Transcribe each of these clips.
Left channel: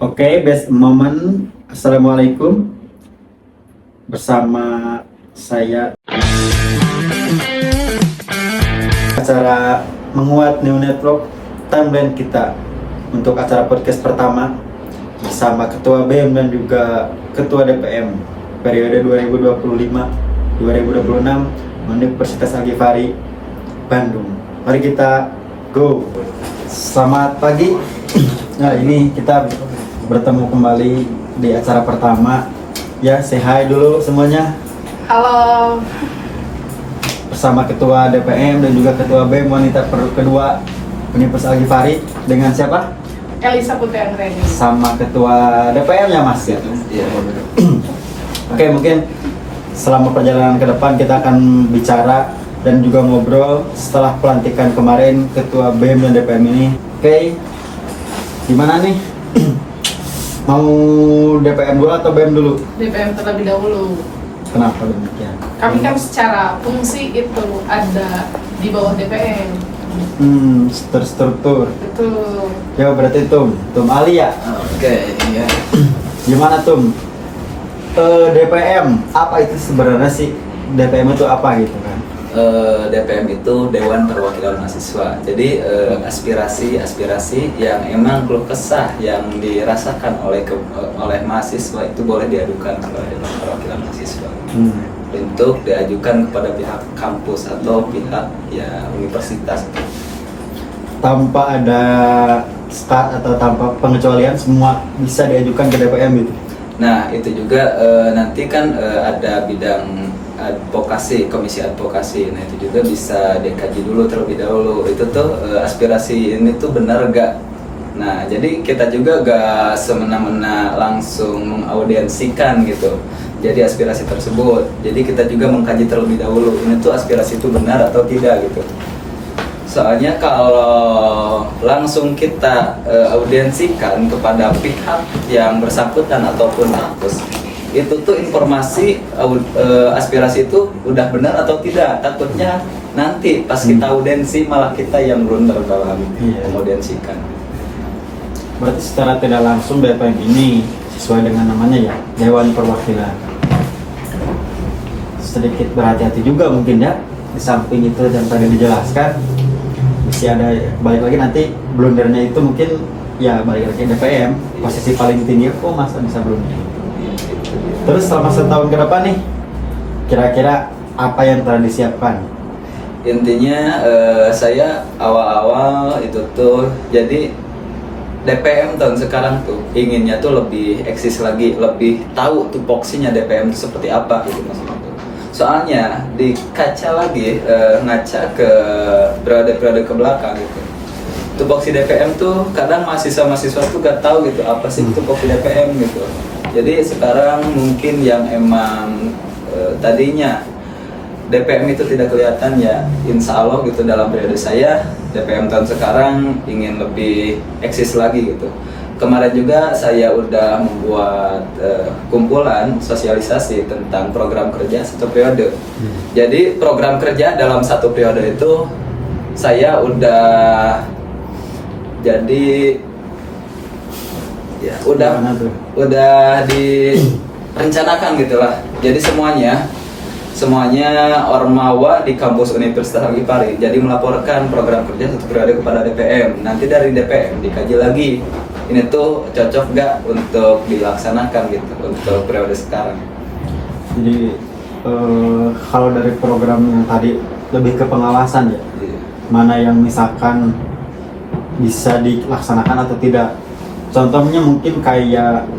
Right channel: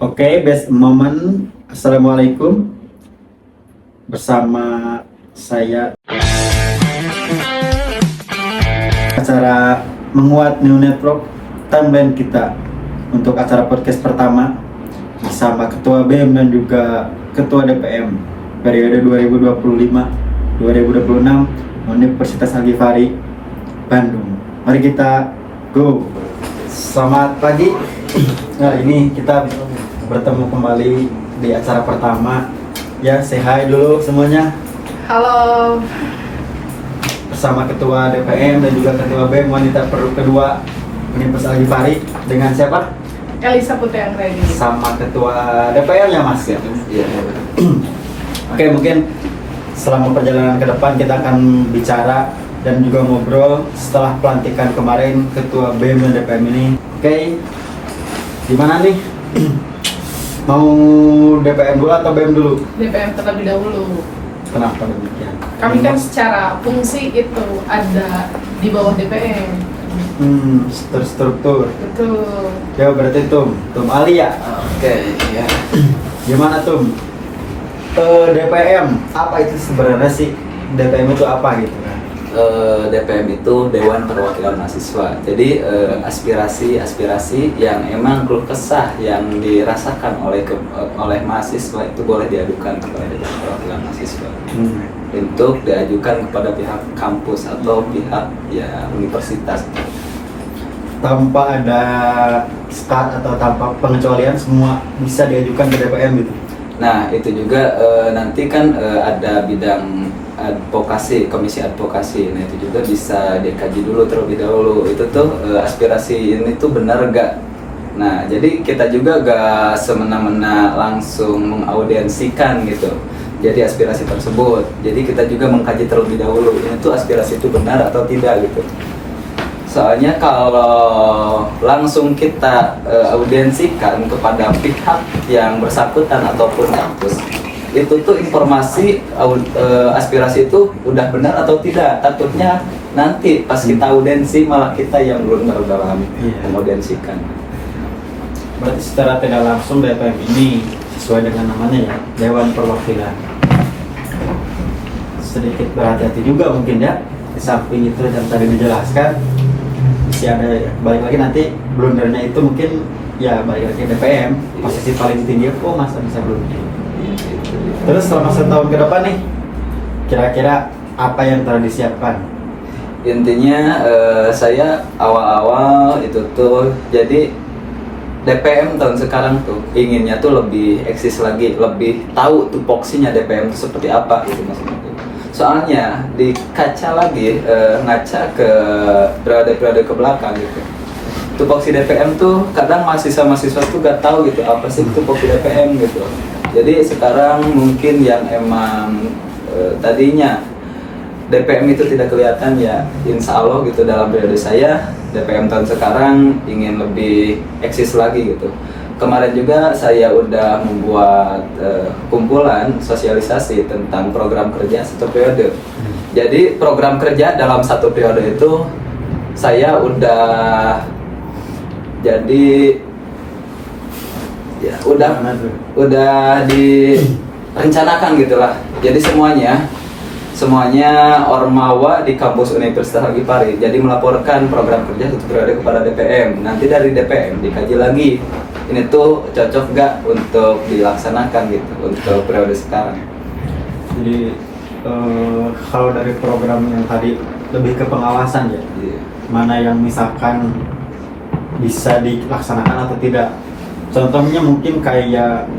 Oke, best moment. Assalamualaikum. Bersama saya acara menguat New Network timeline kita untuk acara podcast pertama bersama Ketua BEM dan juga Ketua DPM periode 2025-2026 Universitas Al-Ghifari Bandung. Mari kita go. Selamat pagi. Nah, ini kita bertemu kembali di acara pertama. Ya, say hi dulu semuanya. Halo. Bersama Ketua DPM dan juga Ketua BEM wanita kedua Universitas Al-Ghifari dengan siapa? Elisa Putri Anggreni. Sama Ketua DPM ya Mas. Iya. Oke, mungkin selama perjalanan ke depan kita akan bicara dan juga ngobrol setelah pelantikan kemarin Ketua BEM dan DPM ini. Oke, gimana nih? Mau DPM dulu atau BEM dulu? DPM terlebih dahulu. Kenapa demikian? Kami kan secara fungsi itu ada di bawah DPM. Struktur. Betul. Ya berarti Tum Alia. Oke, ya. Gimana Tum? DPM, apa itu sebenarnya sih? DPM itu apa gitu kan? DPM itu Dewan Perwakilan Mahasiswa. Jadi aspirasi yang emang keluh kesah yang dirasakan oleh mahasiswa itu boleh diadukan kepada Dewan Perwakilan Mahasiswa. Untuk diajukan kepada pihak kampus atau pihak ya universitas. Tanpa ada start atau tanpa pengecualian semua bisa diajukan ke DPM gitu. Nah itu juga nanti kan ada bidang advokasi, komisi advokasi. Nah itu juga bisa dikaji dulu terlebih dahulu. Itu tuh aspirasi ini tuh benar gak? Nah jadi kita juga gak semena-mena langsung mengaudiensikan gitu. Jadi aspirasi tersebut. Jadi kita juga mengkaji terlebih dahulu. Ini tuh aspirasi itu benar atau tidak gitu. Soalnya kalau langsung kita audiensikan kepada pihak yang bersangkutan ataupun kampus, itu tuh informasi aspirasi itu udah benar atau tidak. Takutnya nanti pas kita audiensi malah kita yang blunder dalam menaudiensikan. Berarti secara tidak langsung DPM ini sesuai dengan namanya ya, Dewan Perwakilan. Sedikit berhati-hati juga mungkin ya, di samping itu yang tadi dijelaskan masih ada balik lagi nanti blundernya itu mungkin ya balik lagi DPM posisi paling tinggi kok masa bisa blunder. Terus selama setahun ke depan nih kira-kira apa yang telah disiapkan? Intinya saya awal-awal itu tuh jadi DPM tahun sekarang tuh inginnya tuh lebih eksis lagi, lebih tahu tupoksinya DPM itu seperti apa gitu maksudnya tuh. Soalnya di kaca lagi ngaca ke periode-periode ke belakang gitu. Tupoksi DPM tuh kadang mahasiswa tuh gak tahu gitu apa sih tupoksi DPM gitu. Jadi sekarang mungkin yang emang tadinya DPM itu tidak kelihatan ya, insya Allah gitu dalam periode saya DPM tahun sekarang ingin lebih eksis lagi gitu. Kemarin juga saya udah membuat kumpulan sosialisasi tentang program kerja satu periode. Jadi program kerja dalam satu periode itu saya udah jadi ya udah direncanakan gitulah. Jadi semuanya ormawa di kampus Universitas Al-Ghifari jadi melaporkan program kerja satu periode kepada DPM. Nanti dari DPM dikaji lagi ini tuh cocok gak untuk dilaksanakan gitu untuk periode sekarang. Jadi kalau dari program yang tadi lebih ke pengawasan ya, mana yang misalkan bisa dilaksanakan atau tidak. Contohnya mungkin kayak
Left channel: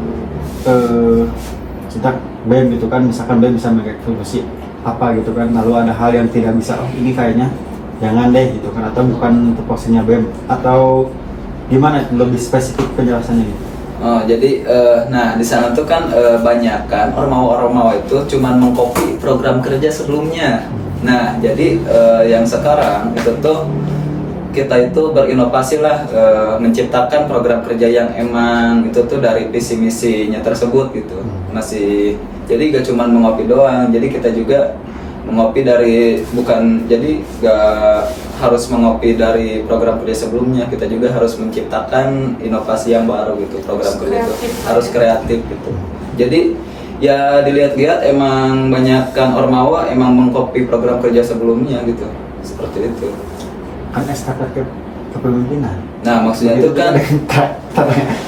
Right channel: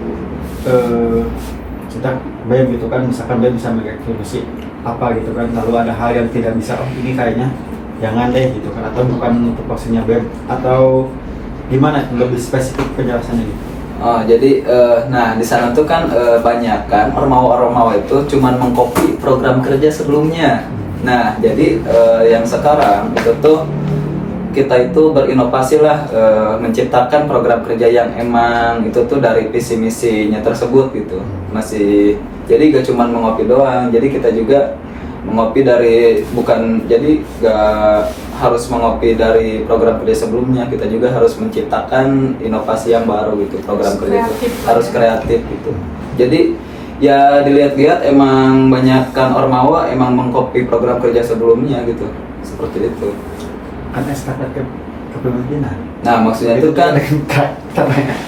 kita BEM gitu kan, misalkan BEM bisa mengeksekusi apa gitu kan, lalu ada hal yang tidak bisa, oh ini kayaknya jangan deh gitu kan, atau bukan tupoksinya BEM, atau gimana lebih spesifik penjelasannya gitu. Oh jadi nah di sana tuh kan banyak kan ormawa itu cuman mengcopy program kerja sebelumnya. Nah jadi yang sekarang itu tuh kita itu berinovasi lah menciptakan program kerja yang emang itu tuh dari visi misinya tersebut gitu. Masih jadi gak cuman mengopi doang, jadi kita juga mengopi dari bukan jadi gak harus mengopi dari program kerja sebelumnya, kita juga harus menciptakan inovasi yang baru gitu. Program kerja itu harus kreatif gitu. Jadi ya dilihat-lihat emang banyakkan ormawa emang mengcopy program kerja sebelumnya gitu, seperti itu. Kan estafet kepemimpinan. Nah maksudnya itu kan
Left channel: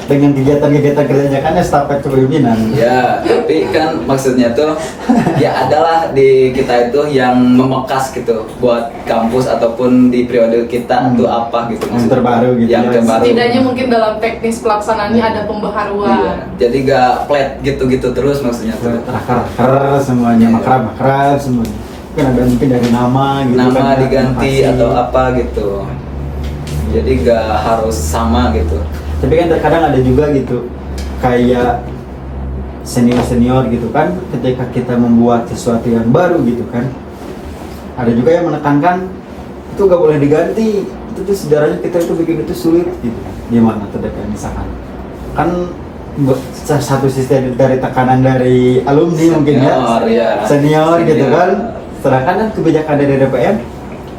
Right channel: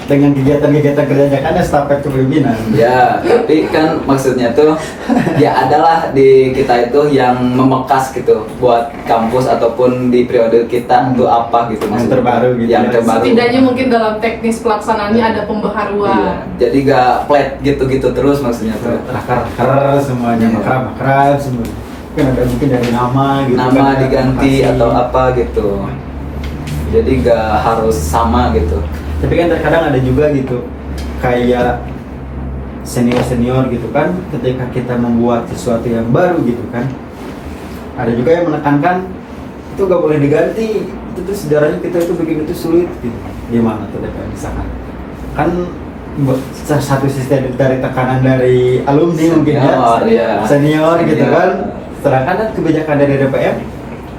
dengan kegiatan-kegiatan kerjanya kan estafet kepemimpinan. ya, tapi kan maksudnya tuh ya adalah di kita itu yang memekas gitu buat kampus ataupun di periode kita tuh apa gitu Yang maksudnya. terbaru gitu Yang ya. terbaru. Setidaknya mungkin dalam teknis pelaksanaannya ada pembaharuan. Iya. Jadi gak flat gitu-gitu terus maksudnya tuh. Raker semuanya, Iya. makrab semua. Kan ada mungkin dari nama gitu. Nama kan, diganti inovasi. atau apa gitu. Jadi gak harus sama gitu. Tapi kan terkadang ada juga gitu kayak senior gitu kan, ketika kita membuat sesuatu yang baru gitu kan, ada juga yang menekankan itu gak boleh diganti, itu tuh sejarahnya kita itu bikin itu sulit gitu. Gimana tuh Dek, misalkan kan satu sisi dari tekanan dari alumni mungkin ya. senior gitu Senior. kan, sedangkan kan kebijakan dari DPM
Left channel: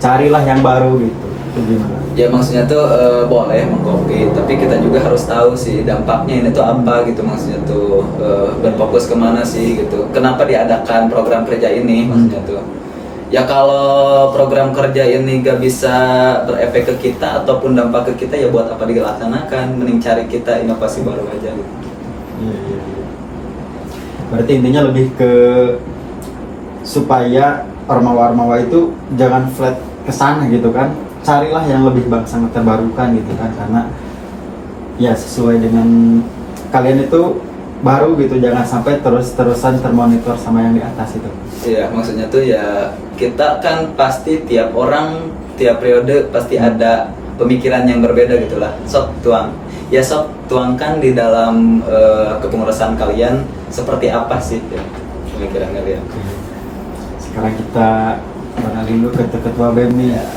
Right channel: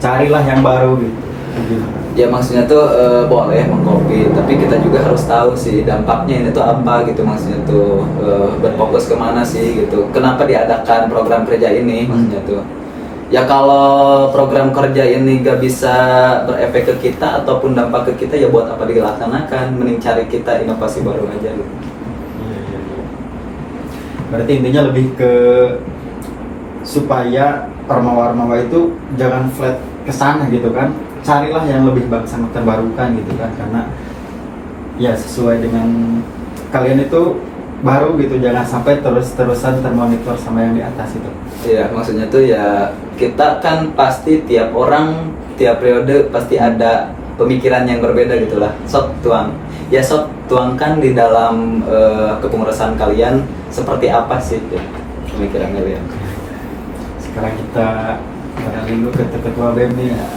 carilah yang baru gitu. Itu gimana? Ya maksudnya tuh boleh mengcopy, tapi kita juga harus tahu sih dampaknya ini tuh apa gitu, maksudnya tuh berfokus kemana sih gitu. Kenapa diadakan program kerja ini maksudnya tuh. Ya kalau program kerja ini gak bisa berefek ke kita ataupun dampak ke kita, ya buat apa dilaksanakan, mending cari kita inovasi baru aja gitu. Iya. Berarti intinya lebih ke supaya ormawa-ormawa itu jangan flat ke sana gitu kan. Carilah yang lebih sangat terbarukan gitu kan, karena ya sesuai dengan kalian itu baru gitu, jangan sampai terus-terusan termonitor sama yang di atas itu. Iya, maksudnya tuh ya kita kan pasti tiap orang tiap periode pasti ada pemikiran yang berbeda gitulah. Sok tuangkan di dalam kepengurusan kalian seperti apa sih gitu, pemikiran kalian. Sekarang kita beralih dulu ke ketua BEM nih. Nah,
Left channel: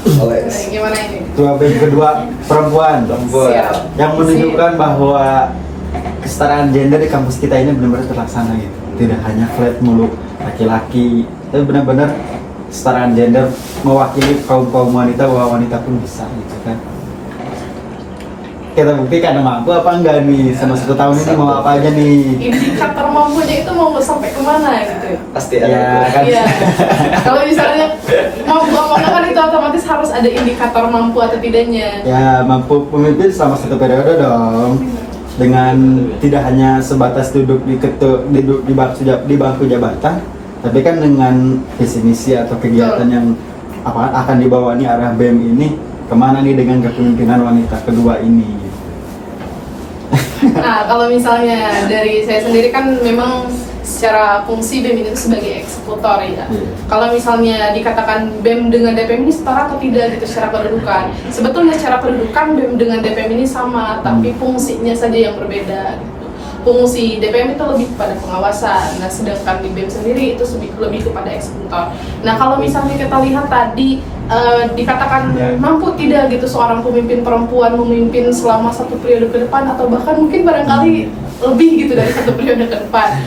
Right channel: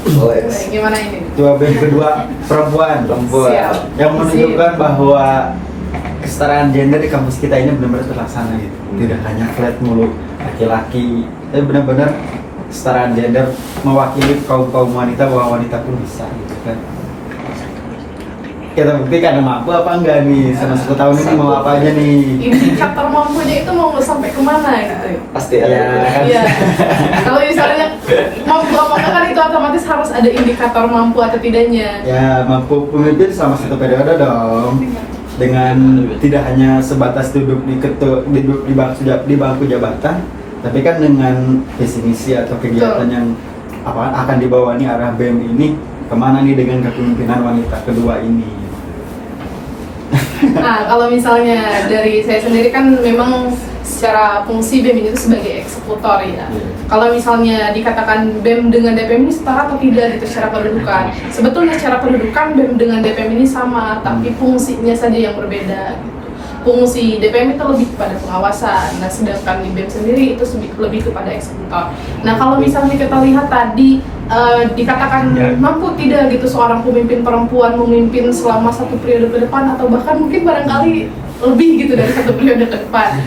gimana ini? Ketua BEM kedua perempuan. Siap. Yang menunjukkan bahwa kesetaraan gender di kampus kita ini benar-benar terlaksana gitu. Tidak hanya flat mulu laki-laki, tapi benar-benar kesetaraan gender mewakili kaum wanita, bahwa wanita pun bisa gitu kan. Kita buktikan mampu apa enggak nih sama 1 tahun ini, mau apa aja nih. Indikator mampunya itu mau sampai kemana gitu. Pasti ada. Ya, kan? Iya. Kalau misalnya mampu apa enggak kan itu otomatis harus ada indikator mampu atau tidaknya. Ya, mampu pemimpin selama 1 periode dong. Dengan tidak hanya sebatas duduk di bangku jabatan, tapi kan dengan visi misi atau kegiatan yang akan dibawa nih arah BEM ini kemana nih dengan kepemimpinan wanita kedua ini. Nah, kalau misalnya dari saya sendiri kan memang secara fungsi BEM ini itu sebagai eksekutor ya. Kalau misalnya dikatakan BEM dengan DPM ini setara atau tidak gitu secara kedudukan. Sebetulnya secara kedudukan BEM dengan DPM ini sama, tapi fungsinya saja yang berbeda gitu. Fungsi DPM itu lebih kepada pengawasan, nah sedangkan di BEM sendiri itu lebih kepada eksekutor. Nah kalau misalnya kita lihat tadi dikatakan mampu tidak gitu seorang pemimpin perempuan memimpin selama 1 periode ke depan atau bahkan mungkin barangkali lebih gitu dari 1 periode ke depan.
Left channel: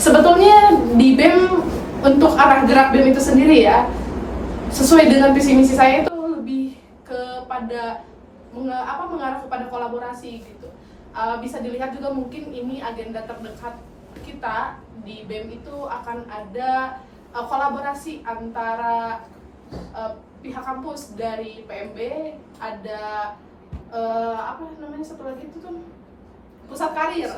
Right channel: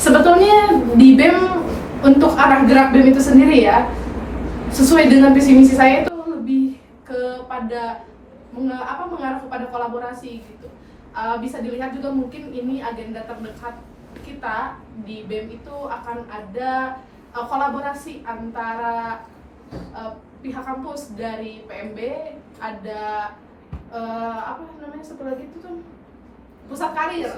Sebetulnya di BEM untuk arah gerak BEM itu sendiri ya sesuai dengan visi misi saya itu lebih kepada mengarah kepada kolaborasi gitu. Bisa dilihat juga mungkin ini agenda terdekat kita di BEM itu akan ada kolaborasi antara pihak kampus dari PMB, ada apa namanya satu lagi itu tuh pusat karir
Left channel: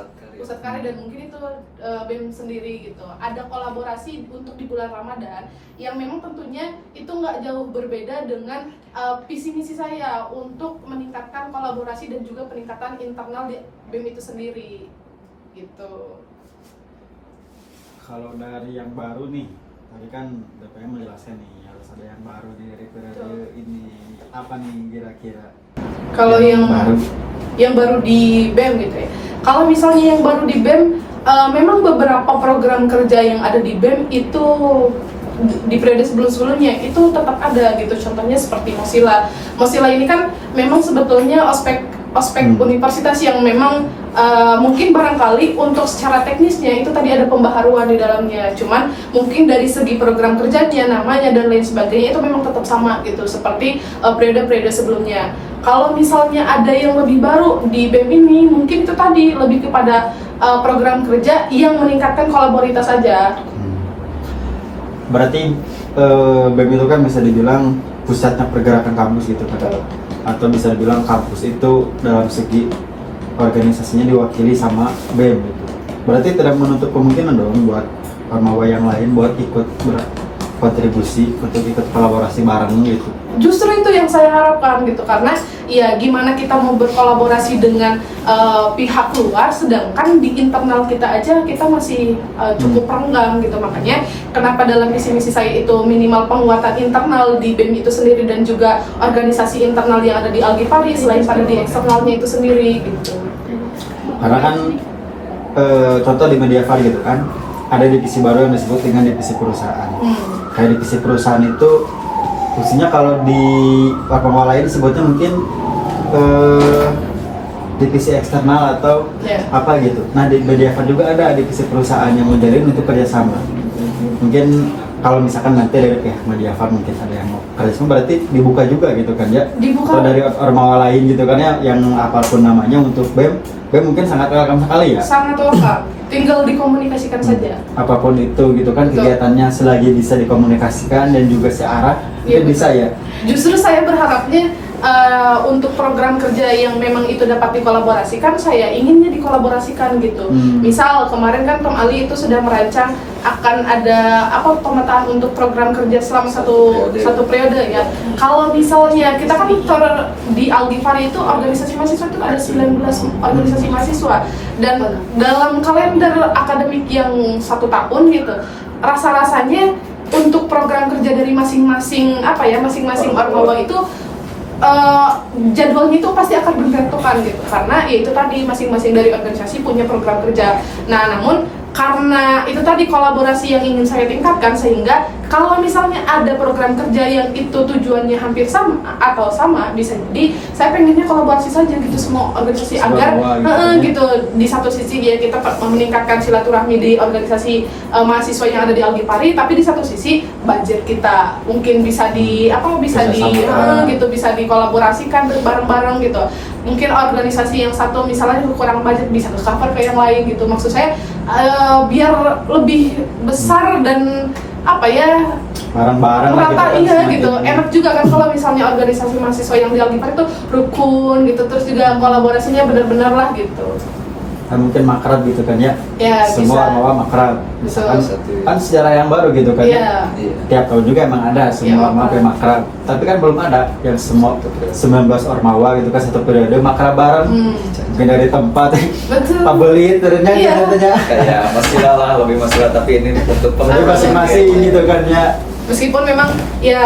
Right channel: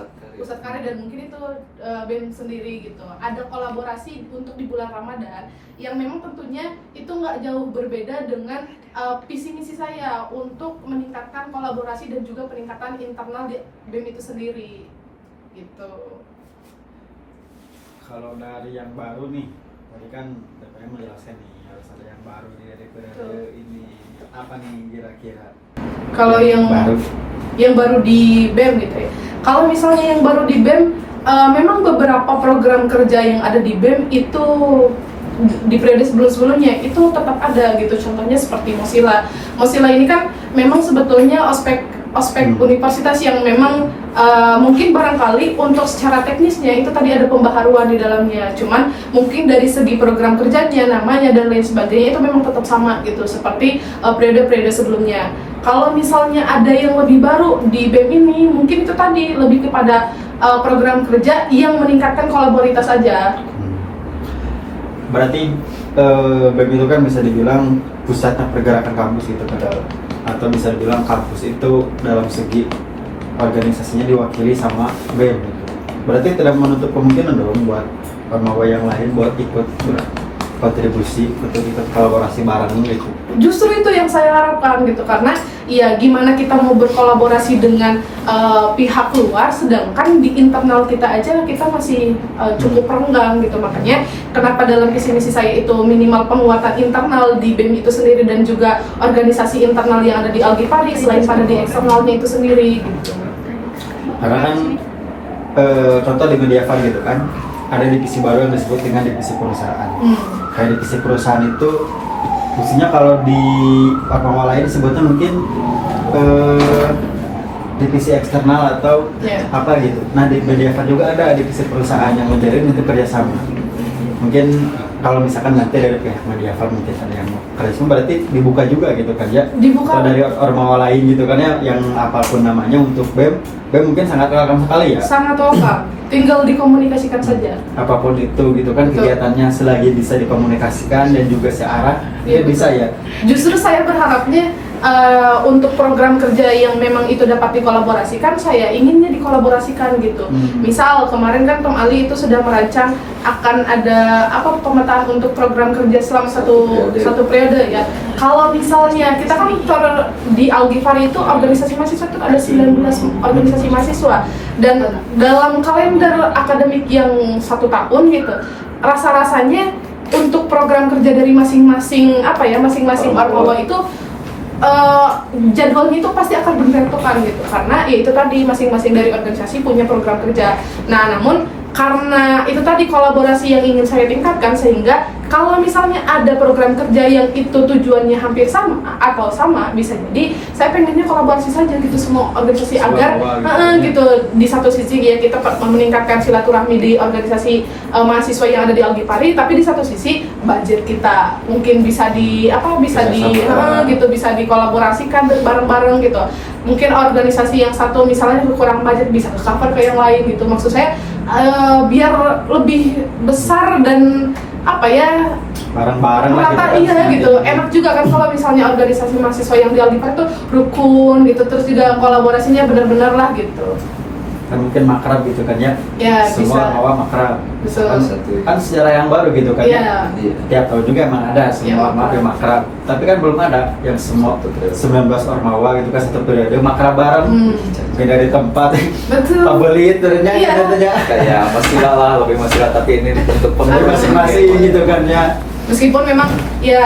dan mungkin itu BEM sendiri gitu. Ada kolaborasi untuk di bulan Ramadan yang memang tentunya itu nggak jauh berbeda dengan visi misi saya untuk meningkatkan kolaborasi dan juga peningkatan internal di BEM itu sendiri gitu. Kalau dari yang baru nih, tadi kan BPM menjelaskan nih harus ada yang baru dari periode ini, apa nih kira-kira? Kalau yang baru di BEM gitu ya. Kalau misalnya yang baru di BEM, memang beberapa program kerja yang ada di BEM itu di periode sebelum-sebelumnya itu tetap ada gitu. Contohnya seperti Mozilla. Mozilla ini kan memang sebetulnya ospek ospek universitas yang memang mungkin barangkali untuk secara teknisnya itu tadi ada pembaharuan di dalamnya, cuman mungkin dari segi program kerjanya, namanya dan lain sebagainya itu memang tetap sama gitu seperti periode-periode sebelumnya. Kalau misalnya ada yang lebih baru di BEM ini, mungkin itu tadi lebih kepada program kerja yang meningkatkan kolaboritas saja. Berarti BEM itu kan bisa dibilang pusatnya pergerakan kampus gitu kan, atau bisa dibilang kampus itu dalam segi organisasinya diwakili sama BEM gitu. Berarti tidak menutup kemungkinan dong buat ormawa yang lain buat ikut berkontribusi untuk ikut kolaborasi bareng gitu. Justru itu yang saya harapkan gitu, karena ya gimana kita mau berkolaborasi dengan pihak luar sedangkan di internal kita aja kita masih cukup renggang gitu. Makanya kenapa dalam visi misi saya itu minimal penguatan internal di BEM itu sendiri dan juga organisasi internal yang ada di Algifari selain pada di eksternalnya itu sendiri gitu. Karena kan contoh di Mediafar gitu kan ada divisi baru yang disebut dengan divisi perusahaan. Kayak divisi perusahaan itu fungsinya kalau di ormawa lain sebutnya mungkin divisi eksternal atau apa gitu. Nah di Mediafar juga ada divisi perusahaan yang menjalin untuk kerjasama. Mungkin kalau misalkan nanti dari pihak Mediafar mungkin ada yang mau kerjasama, berarti dibuka juga gitu kan ya? Dibuka. Atau dari ormawa lain gitu kan ya, yang apapun namanya untuk BEM mungkin sangat welcome sekali ya? Sangat welcome, tinggal dikomunikasikan saja. Apapun itu gitu kan. Betul. Kegiatannya selagi bisa dikomunikasikan dan juga searah, Iya, itu bisa ya? Justru saya berharapnya untuk program kerja yang memang itu dapat dikolaborasikan, saya inginnya dikolaborasikan gitu. Misal kemarin kan Tom Ali itu sudah merancang akan ada pemetaan untuk program kerja selama satu periode ya. Kalau misalnya kita kan di Algifari itu organisasi mahasiswa itu ada 19 organisasi mahasiswa, dan dalam kalender akademik yang 1 tahun gitu, rasa-rasanya untuk program kerja dari masing-masing ormawa itu jadwalnya itu pasti akan bergantungan gitu, karena ya itu tadi masing-masing dari organisasi punya program kerja. Nah namun karena itu tadi kolaborasi yang ingin saya tingkatkan, sehingga kalau misalnya ada program kerja yang itu tujuannya hampir sama atau sama, bisa jadi saya pengennya kolaborasi saja gitu semua organisasi agar gitu di satu sisi ya kita meningkatkan silaturahmi di organisasi mahasiswa yang ada di Algifari, tapi di satu sisi budget kita mungkin bisa bisa dikolaborasikan bareng-bareng gitu. Mungkin organisasi yang satu misalnya kurang budget bisa cover ke yang lain gitu. Maksud saya biar lebih besar dan bareng-bareng lah rata gitu. Enak juga kan kalau misalnya organisasi mahasiswa yang di Algifari itu rukun gitu, terus juga kolaborasinya benar-benar lah gitu. Kan mungkin makrab gitu kan ya? Ya, semua bisa. ormawa makrab. Betul. Kan sejarah yang baru gitu kan ya? Tiap tahun juga emang ada semua ormawa yang makrab. Tapi kan belum ada yang semua 19 ormawa gitu kan satu periode makrab bareng. Mungkin dari tempat pabelit ternyata Kayak masalah lah, lebih masalah, tapi ini untuk masing-masing gitu kan ya. Meskipun memang ya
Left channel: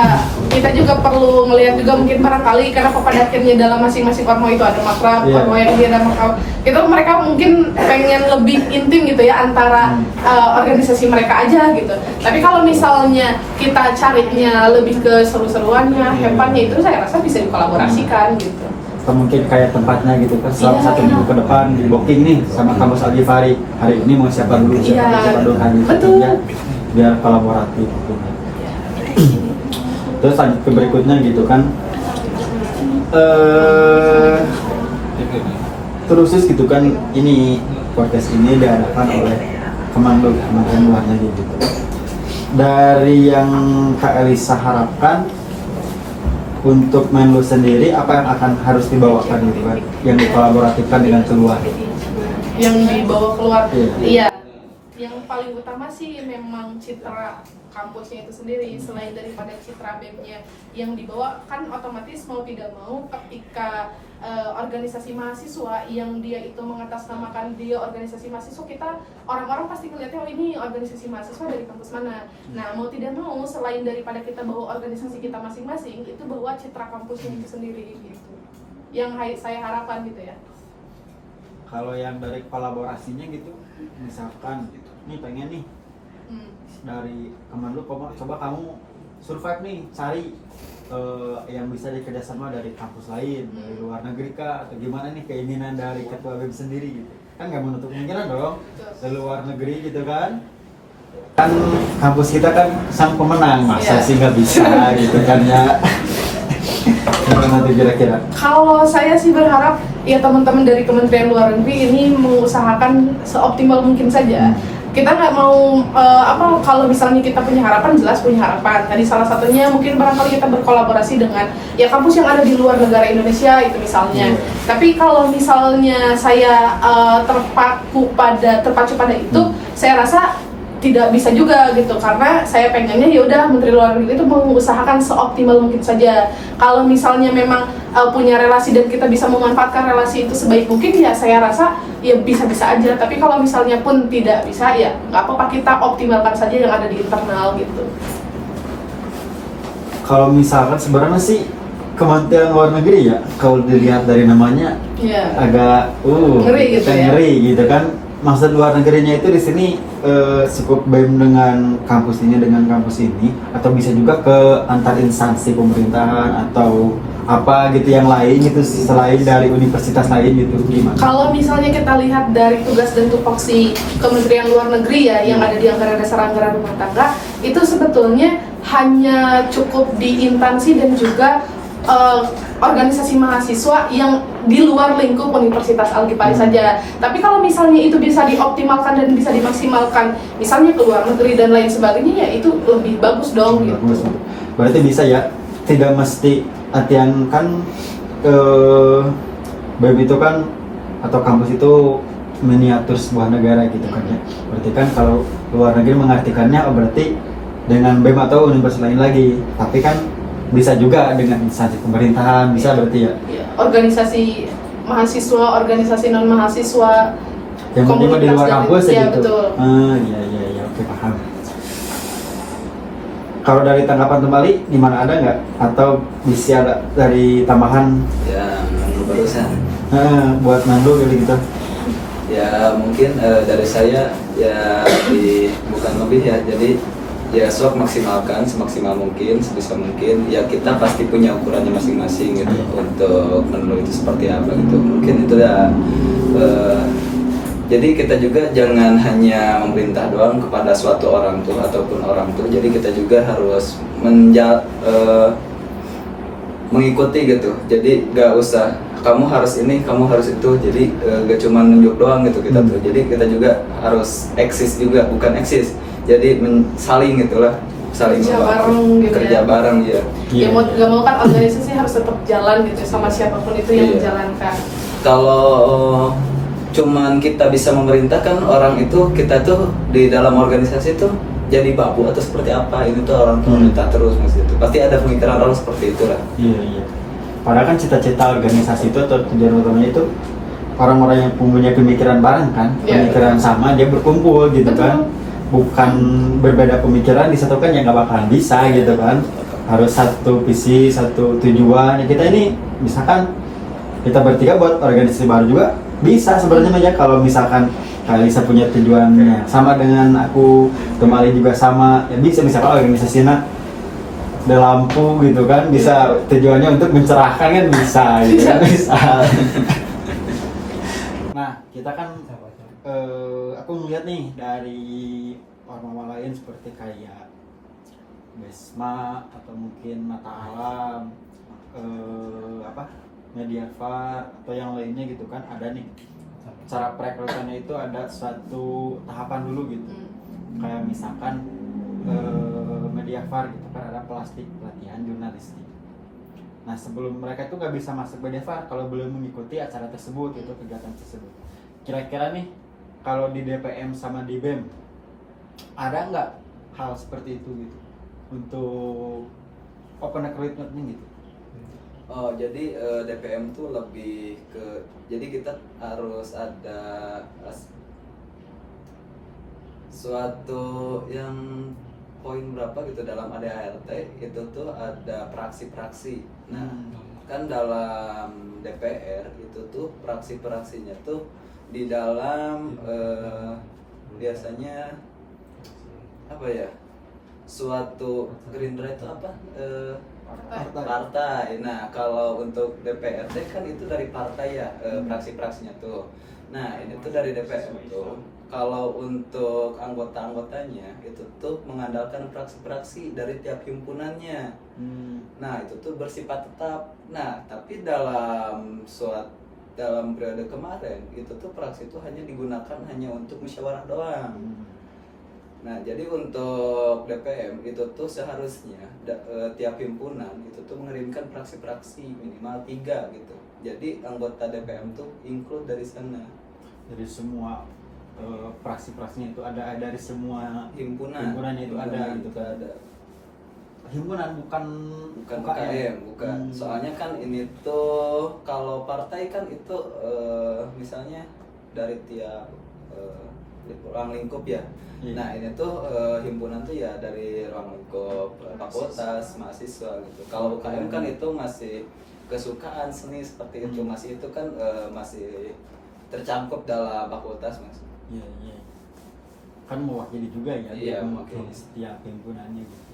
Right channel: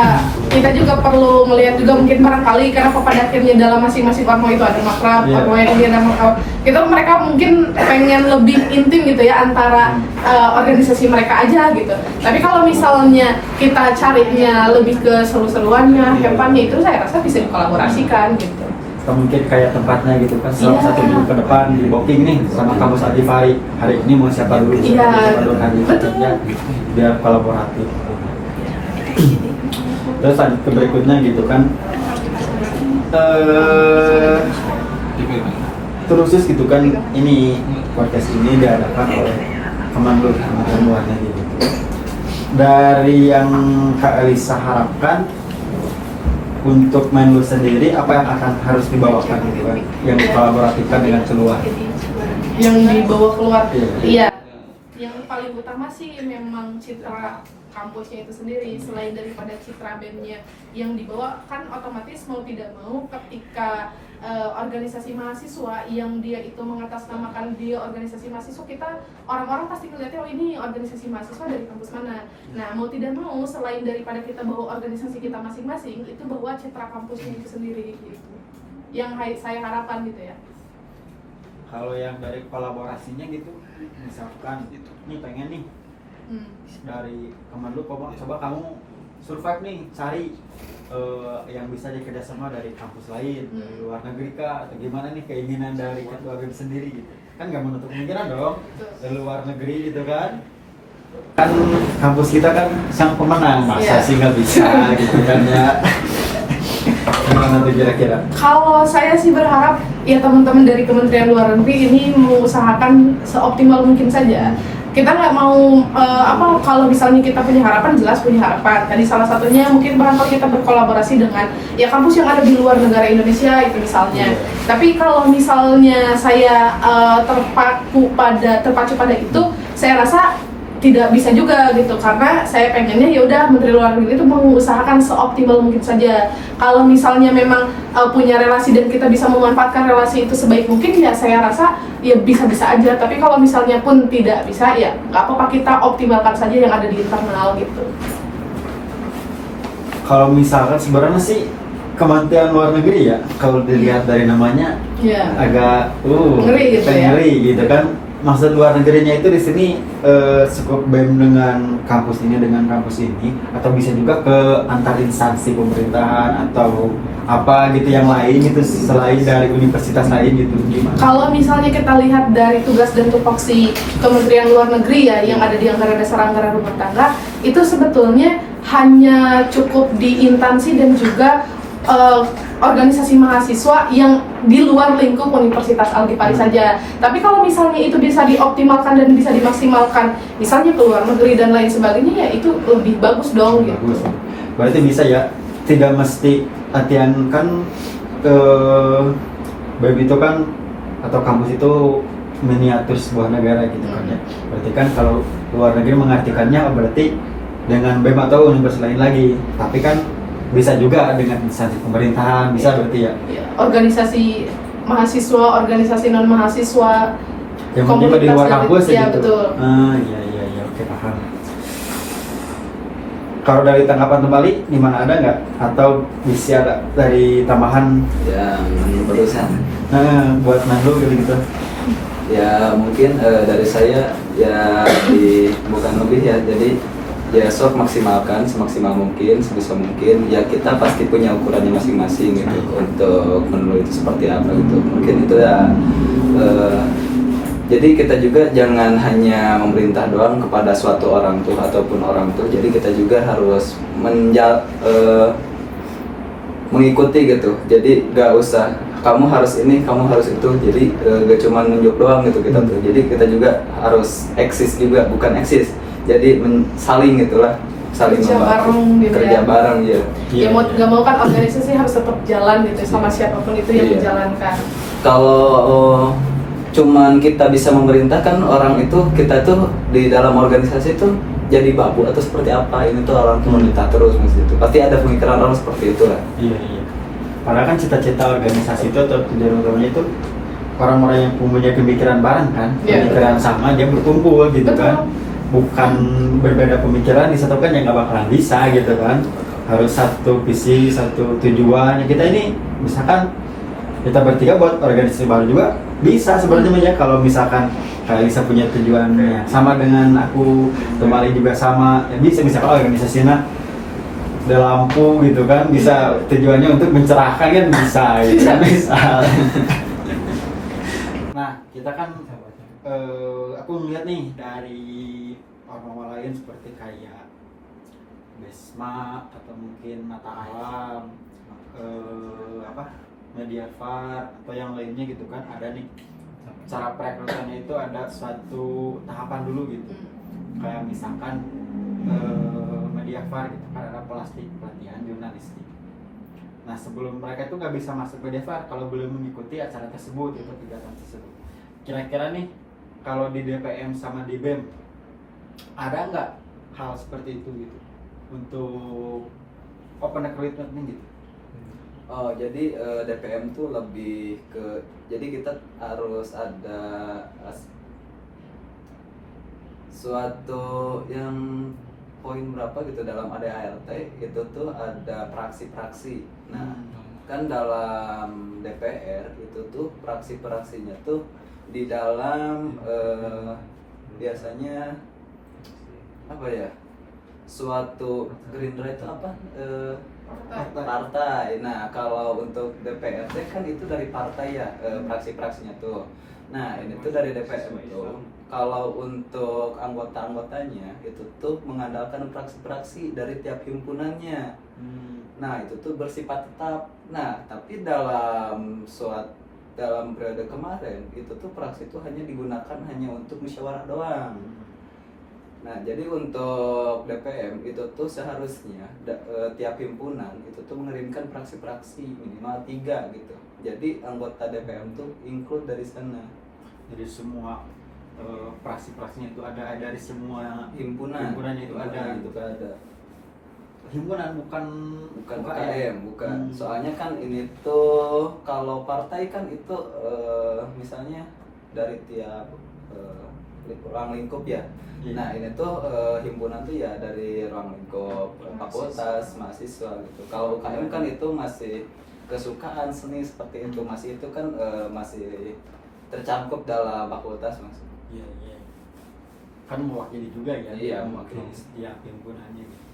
kita juga perlu melihat juga mungkin barangkali kenapa pada akhirnya dalam masing-masing ormawa itu ada makrab, ormawa yang ini ada makrab. Itu mereka mungkin pengen lebih intim gitu ya antara organisasi mereka aja gitu. Tapi kalau misalnya kita carinya lebih ke seru-seruannya, hepannya, itu saya rasa bisa dikolaborasikan gitu. Atau mungkin kayak tempatnya gitu kan selama 1 minggu ke depan di booking nih sama kampus Algifari, hari ini mau siapa dulu Betul. Ya, biar kolaboratif gitu. Terus lanjut ke berikutnya gitu kan, terus gitu kan, ini podcast ini diadakan oleh Kemenlu, Kementerian Luar Negeri gitu. Dari yang Kak Elisa harapkan untuk Menlu sendiri, apa yang akan harus dibawakan gitu kan, yang dikolaborasikan dengan keluar? Yang dibawa keluar, iya. Yang paling utama sih memang citra kampusnya itu sendiri. Selain daripada citra BEM-nya yang dibawa, kan otomatis mau tidak mau ketika organisasi mahasiswa yang dia itu mengatasnamakan dia organisasi mahasiswa, kita orang-orang pasti melihatnya oh ini organisasi mahasiswa dari kampus mana. Nah mau tidak mau selain daripada kita bawa organisasi kita masing-masing, itu bawa citra kampusnya itu sendiri gitu. Yang saya harapkan gitu ya. Kalau yang dari kolaborasinya gitu, misalkan nih pengen nih dari Kemenlu, coba kamu survive nih, cari yang bisa dikerjasama dari kampus lain, dari luar negeri kah, atau gimana nih keinginan dari ketua BEM sendiri gitu? Kan nggak menutup kemungkinan dong ke luar negeri gitu kan? Kan kampus kita kan sang pemenang, masa sih nggak bisa gitu kan ya? Gimana tuh kira-kira? Kalau saya sih berharap ya teman-teman dari Kementerian Luar Negeri ini mengusahakan seoptimal mungkin saja. Kita nggak mau kalau misalnya kita punya harapan, jelas punya harapan. Tadi salah satunya mungkin barangkali kita berkolaborasi dengan ya kampus yang ada di luar negara Indonesia itu misalnya. Tapi kalau misalnya saya terpacu pada itu, saya rasa tidak bisa juga gitu, karena saya pengennya ya udah Menteri Luar Negeri itu mengusahakan seoptimal mungkin saja. Kalau misalnya memang punya relasi dan kita bisa memanfaatkan relasi itu sebaik mungkin, ya saya rasa ya bisa-bisa aja. Tapi kalau misalnya pun tidak bisa, ya nggak apa-apa, kita optimalkan saja yang ada di internal gitu. Kalau misalkan sebenarnya sih Kementerian Luar Negeri ya, kalau dilihat dari namanya agak ngeri gitu ya. Ngeri gitu kan. Maksud luar negerinya itu di sini cukup BEM dengan kampus ini dengan kampus ini, atau bisa juga ke antar instansi pemerintahan atau apa gitu yang lain gitu selain dari universitas lain gitu, gimana? Kalau misalnya kita lihat dari tugas dan tupoksi Kementerian Luar Negeri ya yang ada di Anggaran Dasar Anggaran Rumah Tangga, itu sebetulnya hanya cukup di instansi dan juga organisasi mahasiswa yang di luar lingkup Universitas Al-Ghifari saja. Tapi kalau misalnya itu bisa dioptimalkan dan bisa dimaksimalkan, misalnya ke luar negeri dan lain sebagainya, ya itu lebih bagus dong. Bagus. Gitu. Berarti bisa ya, tidak mesti latihan kan BEM itu kan atau kampus itu miniatur sebuah negara gitu kan ya. Berarti kan kalau luar negeri mengartikannya berarti dengan BEM atau universitas lain lagi. Tapi kan bisa juga dengan instansi pemerintahan, bisa berarti ya? Organisasi mahasiswa, organisasi non mahasiswa, yang penting di luar kampus ya gitu. Betul. Iya, oke paham. Kalau dari tanggapan kembali, gimana, ada nggak? Atau bisa ada dari tambahan? Ya, barusan. Buat Nando gitu. Ya mungkin dari saya ya bukan lebih ya, jadi ya sok maksimalkan semaksimal mungkin, sebisa mungkin. Ya kita pasti punya ukurannya masing-masing gitu untuk menulis itu seperti apa gitu. Mungkin itu ya. Jadi kita juga jangan hanya memerintah doang kepada suatu orang tuh ataupun orang tuh. Jadi kita juga harus mengikuti gitu. Jadi gak usah kamu harus ini, kamu harus itu. Jadi gak cuma nunjuk doang gitu kita tuh. Jadi kita juga harus eksis juga, bukan eksis. Jadi saling gitulah, saling kerja membantu, bareng gitu kerja ya. bareng ya. Ya mau gak mau kan organisasi harus tetap jalan gitu sama siapapun itu yang menjalankan. Kalau cuman kita bisa memerintahkan orang itu, kita tuh di dalam organisasi tuh jadi babu atau seperti apa, ini tuh orang pemerintah terus mas, itu pasti ada pemikiran orang seperti itu lah. Iya. Padahal kan cita-cita organisasi itu atau tujuan utamanya itu orang-orang yang punya pemikiran bareng kan, pemikiran sama, dia berkumpul gitu. Betul. Kan. Bukan berbeda pemikiran disatukan, ya nggak bakalan bisa gitu kan. Harus satu visi, satu tujuan. Ya kita ini misalkan kita bertiga buat organisasi baru juga bisa sebenarnya aja, kalau misalkan Kak Lisa punya tujuannya sama dengan aku, kembali juga sama, ya bisa misalkan organisasinya ada lampu gitu kan, bisa tujuannya untuk mencerahkan kan bisa gitu kan, bisa. Nah kita kan aku melihat nih dari orang-orang lain seperti kayak Besma atau mungkin Mata Alam, Mediafar atau yang lainnya gitu kan, ada nih cara perekrutannya itu ada suatu tahapan dulu gitu. Kayak misalkan Mediafar gitu kan ada pelatihan jurnalistik. Nah sebelum mereka itu nggak bisa masuk Mediafar kalau belum mengikuti acara tersebut itu, kegiatan tersebut. Kira-kira nih kalau di DPM sama di BEM ada nggak hal seperti itu gitu untuk open recruitment gitu? Oh jadi DPM tuh lebih ke, jadi kita harus ada suatu yang poin berapa gitu dalam ADART itu tuh ada praksi-praksi. Nah kan dalam DPR itu tuh praksi-praksinya tuh di dalam biasanya apa ya, suatu Gerindra itu apa Partai. Nah, kalau untuk DPRD kan itu dari partai ya, fraksi-fraksinya tuh. Nah, ini tuh dari DPR tuh. Kalau untuk anggota-anggotanya itu tuh mengandalkan fraksi-fraksi dari tiap himpunannya. Nah, itu tuh bersifat tetap. Nah, tapi dalam periode kemarin itu tuh fraksi itu hanya digunakan hanya untuk musyawarah doang. Nah, jadi untuk DPM itu tuh seharusnya tiap himpunan itu tuh mengirimkan fraksi-fraksi minimal 3 gitu. Jadi anggota DPM tuh include dari sana. Jadi semua fraksi-fraksinya itu ada dari semua Himpunannya itu ada gitu. ada. Himpunan bukan UKM, bukan. Soalnya kan ini tuh kalau partai kan itu misalnya dari tiap ruang lingkup ya. Iya. Nah, ini tuh himpunan tuh ya dari ruang lingkup fakultas, mahasiswa gitu. Kalau UKM kan itu masih kesukaan seni seperti itu, masih itu kan masih tercakup dalam fakultas, Mas. Iya, iya. Kan mewakili juga ya. Iya, mewakili setiap himpunannya gitu.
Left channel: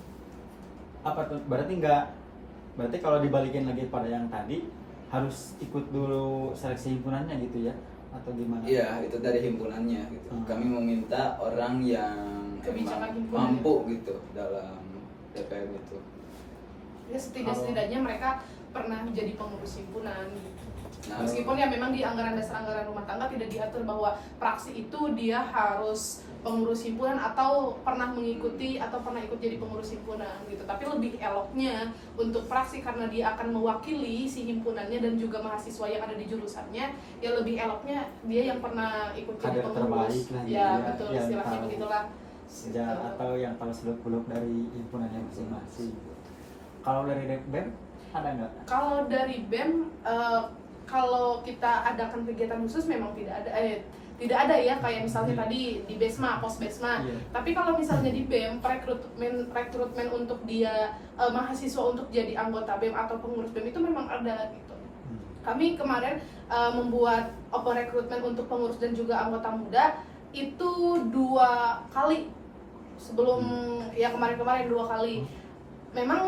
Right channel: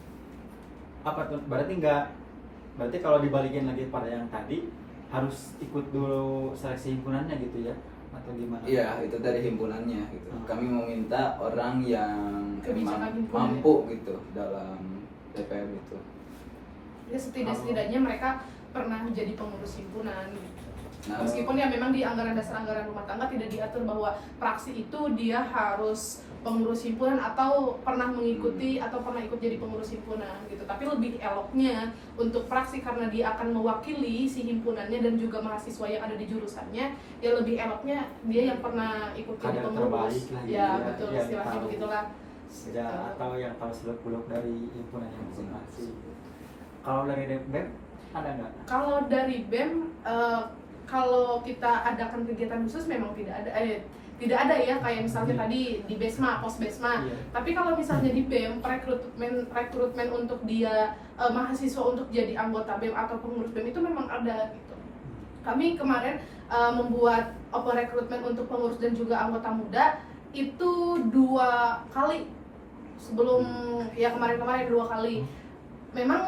Apa tuh? Berarti kalau dibalikin lagi pada yang tadi harus ikut dulu seleksi himpunannya gitu ya? Atau gimana? Iya, itu dari himpunannya gitu. Kami meminta orang yang Kebijakan emang himpunan. mampu gitu dalam DPM itu. Ya setidaknya mereka pernah jadi pengurus himpunan gitu. Nah, Meskipun ya memang di anggaran dasar anggaran rumah tangga tidak diatur bahwa fraksi itu dia harus pengurus himpunan atau pernah mengikuti atau pernah ikut jadi pengurus himpunan gitu. Tapi lebih eloknya untuk fraksi karena dia akan mewakili si himpunannya dan juga mahasiswa yang ada di jurusannya, ya lebih eloknya dia yang pernah ikut jadi Kader pengurus. terbaik lah, Ya, ya, betul yang istilahnya tahu. begitulah. Atau yang tahu seluk-beluk dari himpunannya masing-masing. Kalau dari BEM ada nggak? Kalau dari BEM, kalau kita adakan kegiatan khusus memang tidak ada ya kayak misalnya tadi di Besma, pos Besma. Iya. Tapi kalau misalnya di BEM rekrutmen untuk dia mahasiswa untuk jadi anggota BEM atau pengurus BEM itu memang ada gitu. Kami kemarin membuat open rekrutmen untuk pengurus dan juga anggota muda itu 2 kali sebelum ya kemarin 2 kali. Memang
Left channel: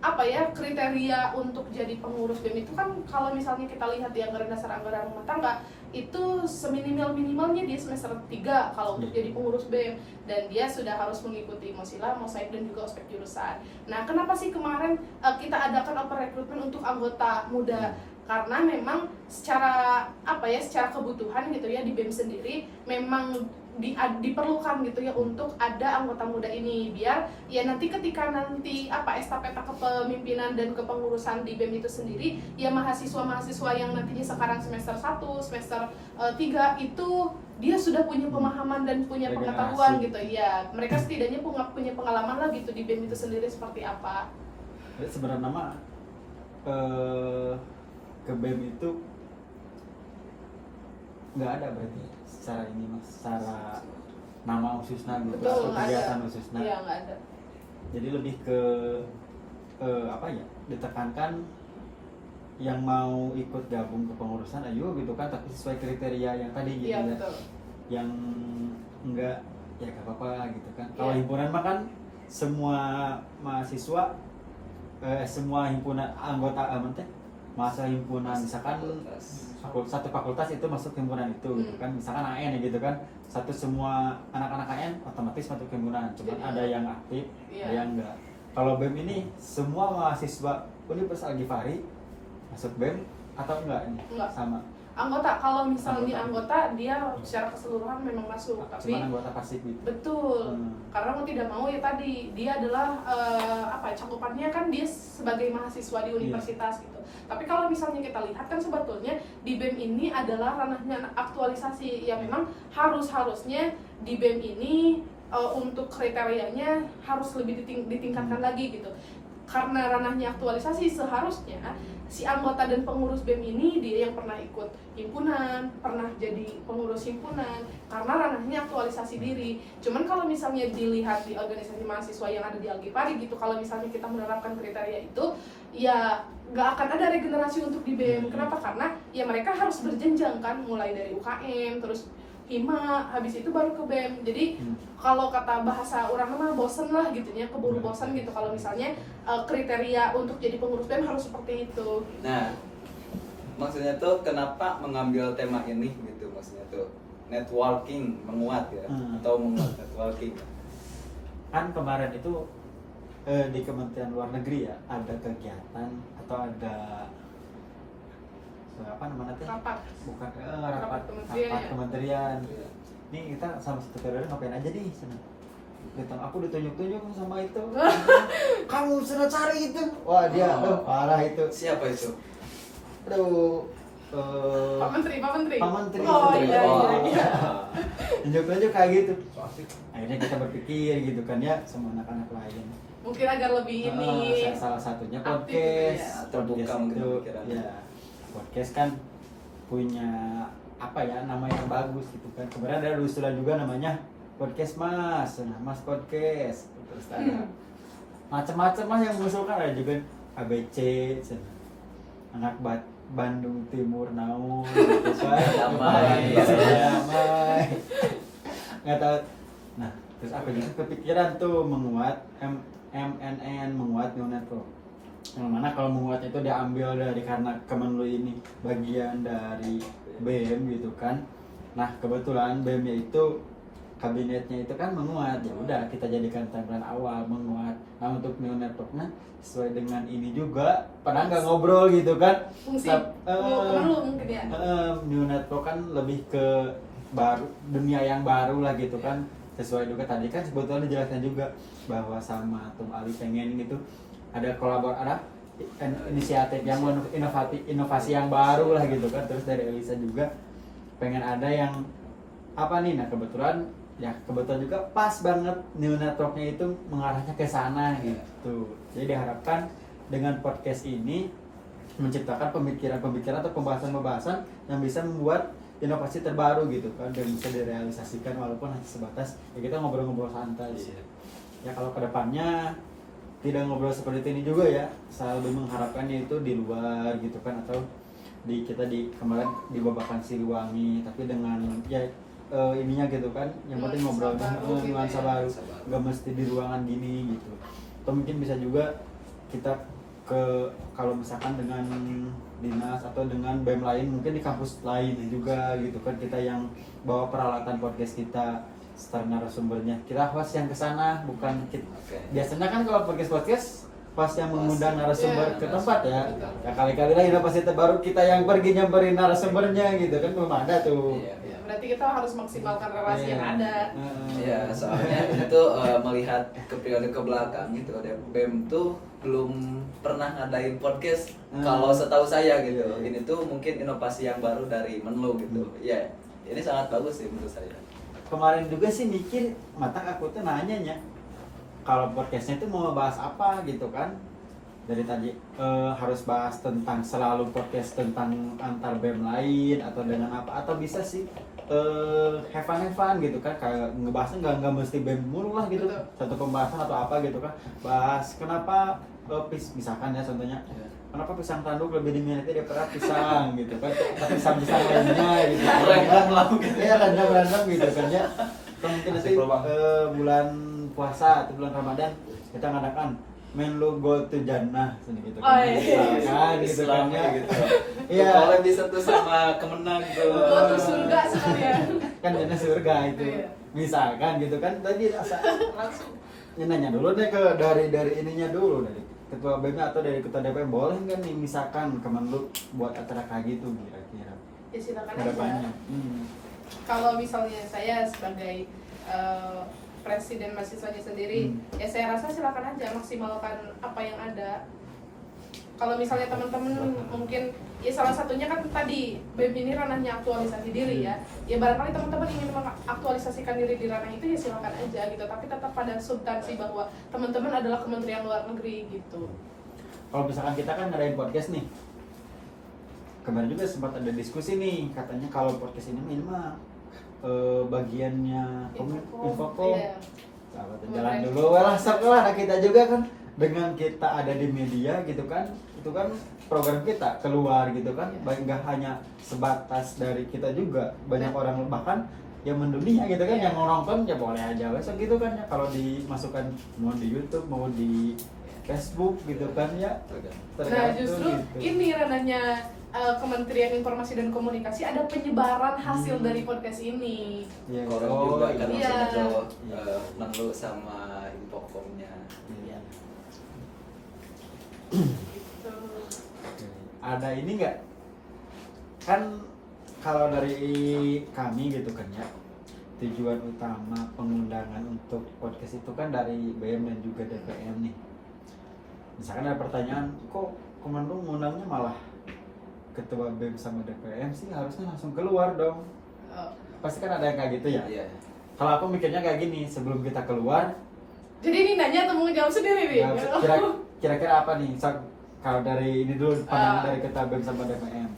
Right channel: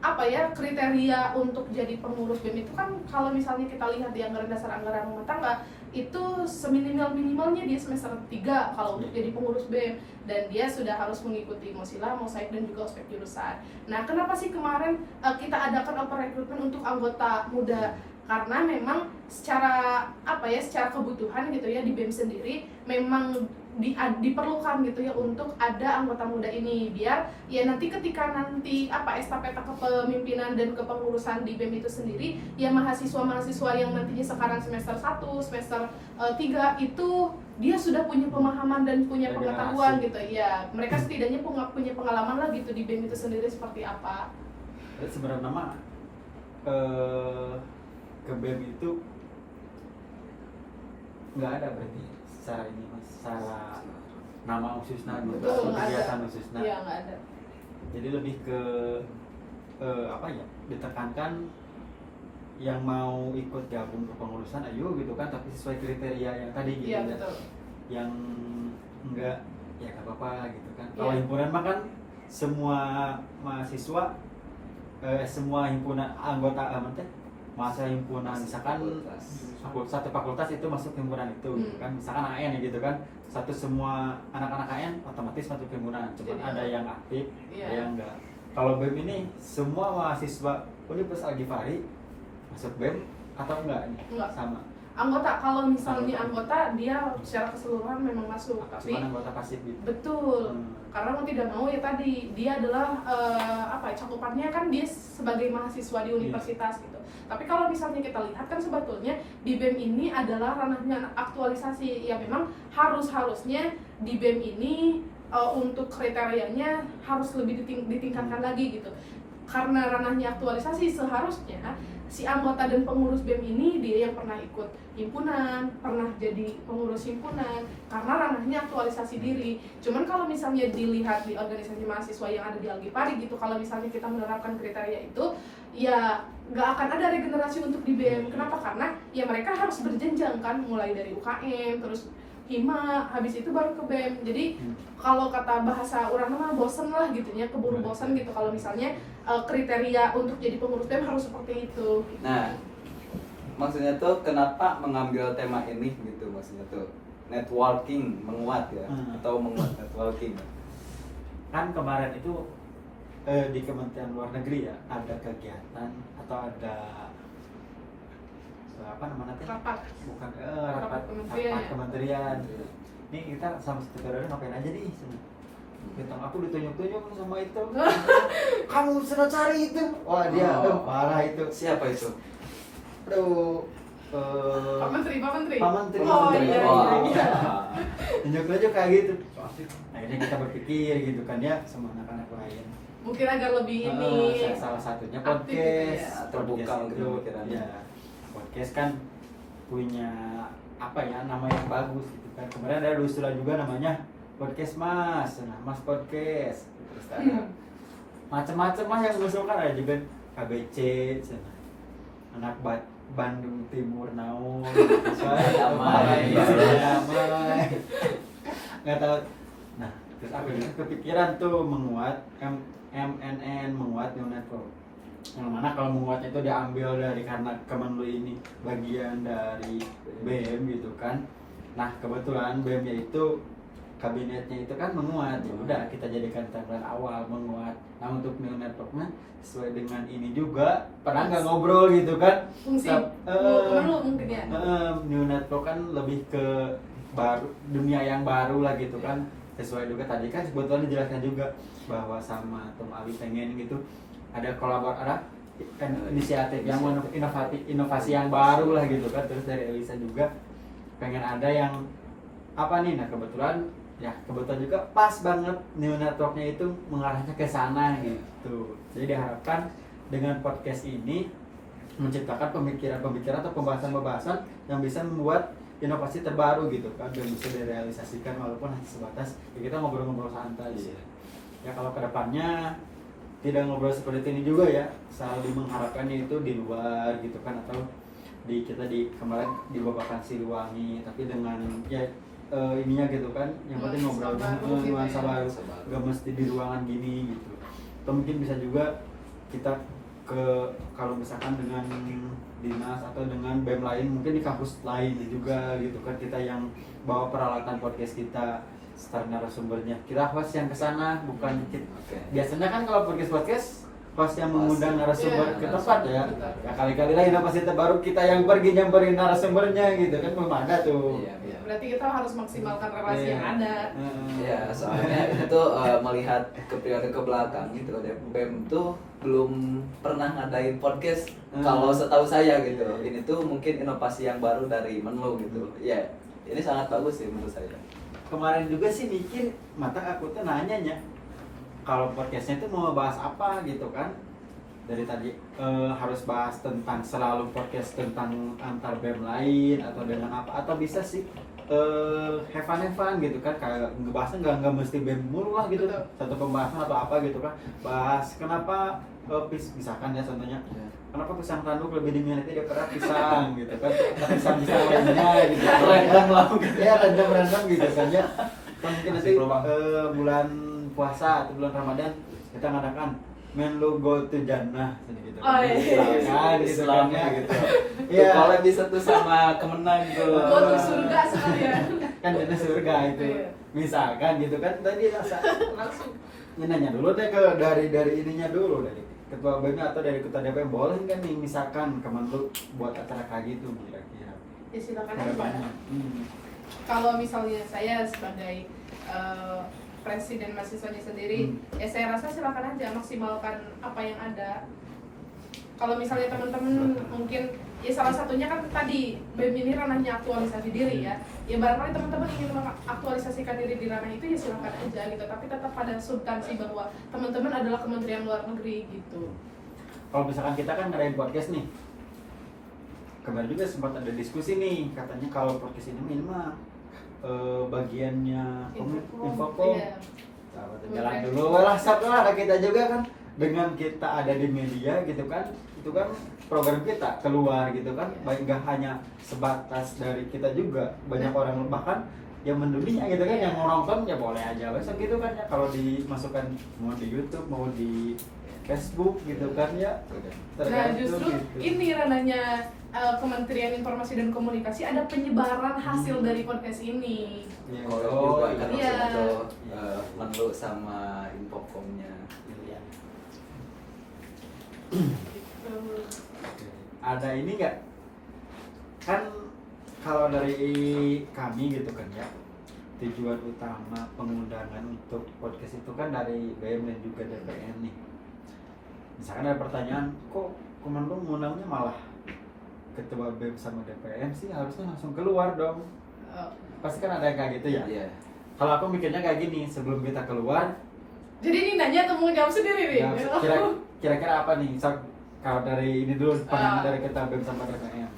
apa ya kriteria untuk jadi pengurus BEM itu kan kalau misalnya kita lihat di anggaran dasar anggaran rumah tangga itu seminimal-minimalnya dia semester 3 kalau untuk jadi pengurus BEM, dan dia sudah harus mengikuti Mosila, Mosaik dan juga ospek jurusan. Nah, kenapa sih kemarin kita adakan open recruitment untuk anggota muda? Karena memang secara kebutuhan gitu ya di BEM sendiri memang diperlukan gitu ya untuk ada anggota muda ini, biar ya nanti ketika estafeta kepemimpinan dan kepengurusan di BEM itu sendiri ya mahasiswa-mahasiswa yang nantinya sekarang semester 1, semester 3 itu dia sudah punya pemahaman dan punya pengetahuan gitu ya, mereka setidaknya punya pengalaman lah gitu di BEM itu sendiri seperti apa. Jadi sebenarnya nama ke BEM itu nggak ada berarti secara ini mas, secara nama khususnya gitu Betul, atau nggak kegiatan ada. khususnya. Iya, nggak ada. Jadi lebih ke ditekankan yang mau ikut gabung ke pengurusan ayo gitu kan, tapi sesuai kriteria yang tadi gitu Iya, ya. betul. Yang enggak ya gak apa-apa gitu kan. Kalau Iya. himpunan mah kan semua mahasiswa semua himpunan anggota masa himpunan misalkan satu fakultas itu masuk himpunan itu gitu kan, misalkan AN gitu kan, semua anak-anak AN otomatis masuk himpunan, cuman Jadi, ada yang aktif, iya. ada yang enggak. Kalau BEM ini semua mahasiswa Universitas Al Ghifari masuk BEM atau enggak ini? Enggak. Sama. Anggota, kalau misalnya anggota dia secara keseluruhan memang masuk, tapi Cuman anggota pasif gitu. betul, karena mau tidak mau ya tadi dia adalah cakupannya kan dia sebagai mahasiswa di universitas gitu. Tapi kalau misalnya kita lihat kan sebetulnya di BEM ini adalah ranahnya aktualisasi, ya memang harusnya di BEM ini untuk kriterianya harus lebih ditingkatkan lagi gitu. Karena ranahnya aktualisasi, seharusnya si anggota dan pengurus BEM ini dia yang pernah ikut himpunan, pernah jadi pengurus himpunan, karena ranahnya aktualisasi diri. Cuman kalau misalnya dilihat di organisasi mahasiswa yang ada di Al Ghifari gitu, kalau misalnya kita menerapkan kriteria itu, ya nggak akan ada regenerasi untuk di BEM. Kenapa? Karena ya mereka harus berjenjang kan, mulai dari UKM, terus hima, habis itu baru ke BEM. Jadi kalau kata bahasa orang mah bosen lah gitu ya, keburu bosen gitu kalau misalnya kriteria untuk jadi pengurus BEM harus seperti itu. Nah, maksudnya tuh kenapa mengambil tema ini gitu, maksudnya tuh networking menguat ya, atau menguat networking. Kan kemarin itu di Kementerian Luar Negeri ya ada kegiatan atau ada apa namanya teh? Rapat. Bukan Rapat rapat kementerian. rapat kementerian. Nih kita sama sekretariat ngapain aja nih sana. Kita aku ditunjuk-tunjuk sama itu. Kamu sudah cari itu. Wah dia parah itu. Siapa itu? Aduh. Pak Menteri. Pak Menteri. Oh iya. Tunjuk-tunjuk kayak gitu. Akhirnya kita berpikir gitu kan ya sama anak-anak lain. Mungkin agar lebih ini. Salah satunya aktif gitu podcast. ya. Terbuka Podcast mungkin itu, pikirannya. ya, podcast kan punya apa ya nama yang bagus gitu kan. Kemarin ada usulan juga namanya podcast Mas, nah Mas podcast. Terus ada macam-macam lah yang mengusulkan, ada juga ABC, anak Bandung Timur naon, gitu kan. Damai. Damai. Nggak tahu. Nah, terus aku juga kepikiran tuh menguat MNN, menguat New Network. Yang mana kalau menguatnya itu diambil dari karena Kemenlu ini bagian dari BEM gitu kan. Nah, kebetulan BEM-nya itu kabinetnya itu kan menguat, ya udah kita jadikan tagline awal menguat. Nah, untuk New Network-nya sesuai dengan ini juga pernah nggak ngobrol gitu kan. Fungsi Kemenlu Kemenlu mungkin ya. New Network kan lebih ke baru, dunia yang baru lah gitu kan. Sesuai juga tadi kan sebetulnya dijelaskan juga bahwa sama Tom Ali pengen gitu ada inisiatif yang inovasi yang baru lah gitu kan. Terus dari Elisa juga pengen ada yang apa nih, nah kebetulan juga pas banget New Network-nya itu mengarahnya ke sana gitu. Jadi diharapkan dengan podcast ini menciptakan pemikiran-pemikiran atau pembahasan-pembahasan yang bisa membuat inovasi terbaru gitu kan, dan bisa direalisasikan walaupun hanya sebatas ya kita ngobrol-ngobrol santai gitu. Ya kalau kedepannya tidak ngobrol seperti ini juga ya, selalu mengharapkannya itu di luar gitu kan, atau kita kemarin di Babakan Siliwangi tapi dengan ya ininya gitu kan, yang penting ngobrol nuansa baru, gak mesti di ruangan gini gitu. Atau mungkin bisa juga kita kalau misalkan dengan dinas atau dengan BEM lain, mungkin di kampus lain juga gitu kan, kita yang bawa peralatan podcast kita, star narasumbernya kita host yang kesana, bukan kita. Biasanya kan kalau podcast host yang mengundang narasumber ke tempat ya, ya kali-kali lah inovasi terbaru kita yang pergi nyamperin narasumbernya gitu kan, belum ada tuh. Berarti kita harus maksimalkan relasi yang ada. Iya, soalnya itu melihat ke periode ke belakang gitu, BEM tuh belum pernah ngadain podcast. Kalau setahu saya gitu, ini tuh mungkin inovasi yang baru dari Menlu gitu. Ya, ini sangat bagus sih menurut saya. Kemarin juga sih mikir, matang aku tuh nanyanya kalau podcastnya itu mau ngebahas apa gitu kan. Dari tadi harus bahas tentang selalu podcast tentang antar BEM lain atau dengan apa, atau bisa sih have fun gitu kan, kayak ngebahasnya nggak mesti BEM mulu lah gitu. Betul. Satu pembahasan atau apa gitu kan, bahas kenapa misalkan ya contohnya kenapa pisang tanduk lebih diminati daripada pisang gitu kan, pisang lainnya gitu Random gitu ya, random gitu kan ya. Atau mungkin nanti bulan puasa atau bulan Ramadan kita ngadakan Menlu Go to Jannah gitu kan. Oh, iya. Nah, gitu kan ya. gitu. Iya. Kalau bisa tuh sama Kemenang tuh. Gua tuh surga sekalian. Kan ini surga itu. Iya. Misalkan gitu kan, tadi rasa Langsung. ini nanya dulu deh ke dari ininya dulu, dari ketua BEM atau dari ketua DPM, boleh nggak nih misalkan Kemenlu buat acara kayak gitu kira-kira Ya silakan kedepannya. aja. Kalau misalnya saya sebagai presiden mahasiswanya sendiri, ya saya rasa silakan aja maksimalkan apa yang ada. Kalau misalnya teman-teman mungkin ya salah satunya kan tadi BEM ini ranahnya aktualisasi diri ya. Ya barangkali teman-teman ingin mengaktualisasikan diri di ranah itu ya silakan aja gitu. Tapi tetap pada substansi bahwa teman-teman adalah Kementerian Luar Negeri gitu. Kalau misalkan kita kan ngadain podcast nih, kemarin juga sempat ada diskusi nih, katanya kalau podcast ini mah bagiannya Infocom. Iya. Jalan dulu lah, sok lah kita juga kan dengan kita ada di media gitu kan, itu kan program kita keluar gitu kan, baik nggak hanya sebatas dari kita juga, banyak orang bahkan yang mendunia gitu kan, yang mau nonton ya boleh aja besok gitu kan ya, kalau dimasukkan mau di YouTube mau di Facebook gitu kan ya. Nah justru gitu. ini ranahnya Kementerian Informasi dan Komunikasi, ada penyebaran hasil dari podcast ini. Iya. Orang juga kan iya. masuk ke Menlu sama Infocomnya. Iya. Gitu. Ada ini nggak, kan kalau dari kami gitu kan ya, tujuan utama pengundangan untuk podcast itu kan dari BEM dan juga DPM nih. Misalkan ada pertanyaan, kok Komando ngundangnya malah ketua BEM sama DPM sih, harusnya langsung keluar dong. Pasti kan ada yang kayak gitu ya. Iya. Kalau aku mikirnya kayak gini, sebelum kita keluar, Jadi ini nanya atau mau jawab sendiri nih? ya, kira-kira apa nih? Kalau dari ini dulu, pandangan dari ketua BEM sama DPM.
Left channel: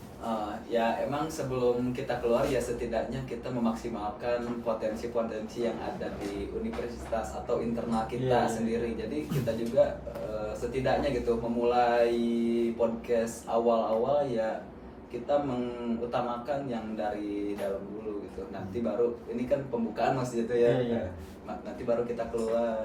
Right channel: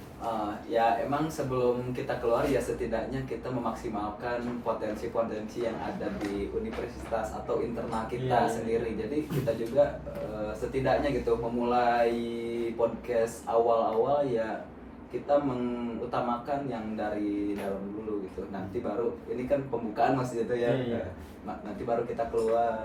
Ya emang sebelum kita keluar ya setidaknya kita memaksimalkan potensi-potensi yang ada di universitas atau internal kita Iya. sendiri. Jadi kita juga setidaknya gitu memulai podcast awal-awal ya kita mengutamakan yang dari dalam dulu gitu. Nanti baru ini kan pembukaan maksudnya itu ya. Iya. Nanti baru kita keluar.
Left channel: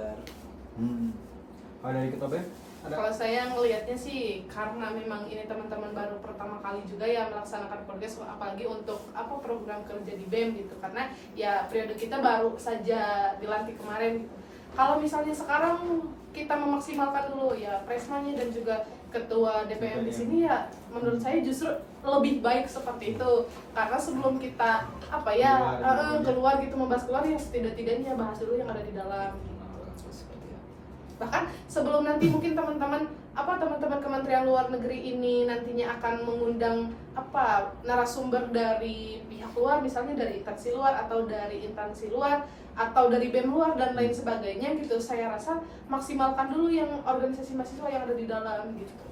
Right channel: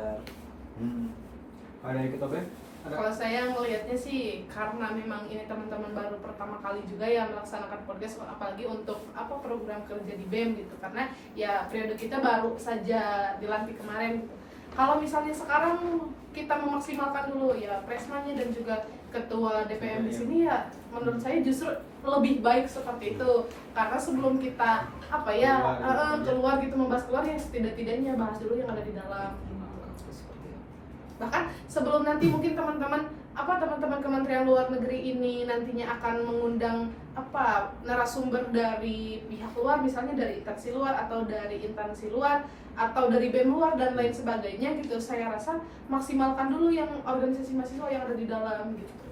Kalau dari ketua BEM ada? Kalau saya ngelihatnya sih karena memang ini teman-teman baru pertama kali juga ya melaksanakan podcast, apalagi untuk program kerja di BEM gitu, karena ya periode kita baru saja dilantik kemarin gitu. Kalau misalnya sekarang kita memaksimalkan dulu ya Presmanya dan juga ketua DPM di sini, ya menurut saya justru lebih baik seperti itu, karena sebelum kita keluar gitu membahas keluar ya setidak-tidaknya bahas dulu yang ada di dalam. Bahkan sebelum nanti mungkin teman-teman Kementerian Luar Negeri ini nantinya akan mengundang narasumber dari pihak luar, misalnya dari instansi luar atau dari instansi luar atau dari BEM luar dan lain sebagainya gitu, saya rasa maksimalkan dulu yang organisasi mahasiswa yang ada di dalam gitu.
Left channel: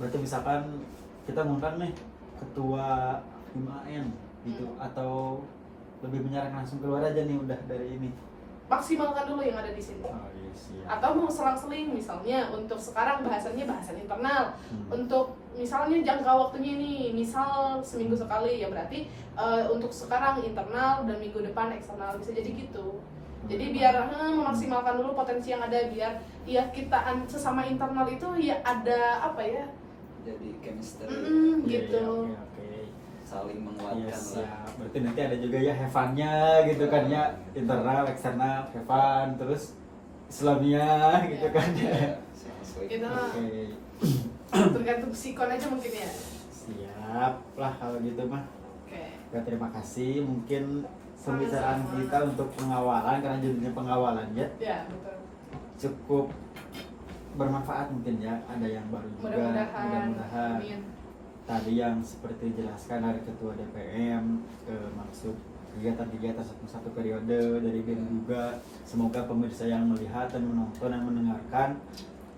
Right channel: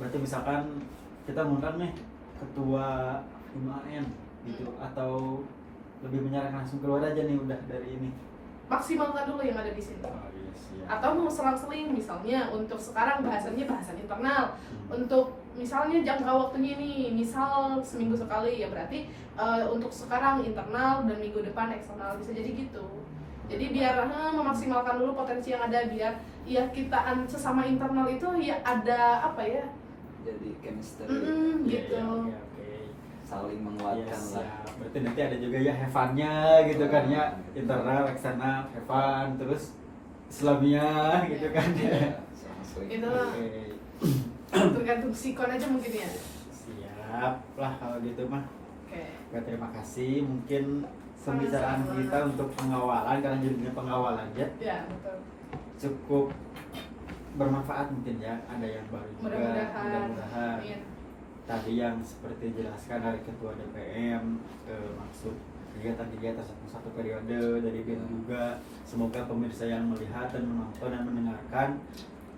Berarti misalkan kita mengundang nih ketua UMAN gitu, atau lebih menyarankan langsung keluar aja nih udah dari ini. Maksimalkan dulu yang ada di sini. Atau mau selang-seling, misalnya untuk sekarang bahasan internal, untuk misalnya jangka waktunya ini misal seminggu sekali, ya berarti untuk sekarang internal dan minggu depan eksternal, bisa jadi gitu. Jadi biar memaksimalkan dulu potensi yang ada, biar ya kita sesama internal itu ya ada Jadi chemistry gitu. saling menguatkan Yes, lah. ya. Berarti nanti ada juga ya have-nya gitu kan ya, internal, eksternal, have fun, terus Islamia gitu kan ya. Itu Oke. tergantung sikon aja mungkin ya. Siap lah kalau gitu mah. Oke. Oke, terima kasih. Mungkin pembicaraan Sama-sama. kita untuk pengawalan, karena jadinya pengawalan ya, Ya betul. cukup bermanfaat mungkin ya. Ada yang baru juga. Mudah-mudahan. Amin. Tadi yang seperti dijelaskan dari ketua DPM, maksud kegiatan-kegiatan satu periode dari BEM juga. Semoga pemirsa yang melihat dan menonton dan mendengarkan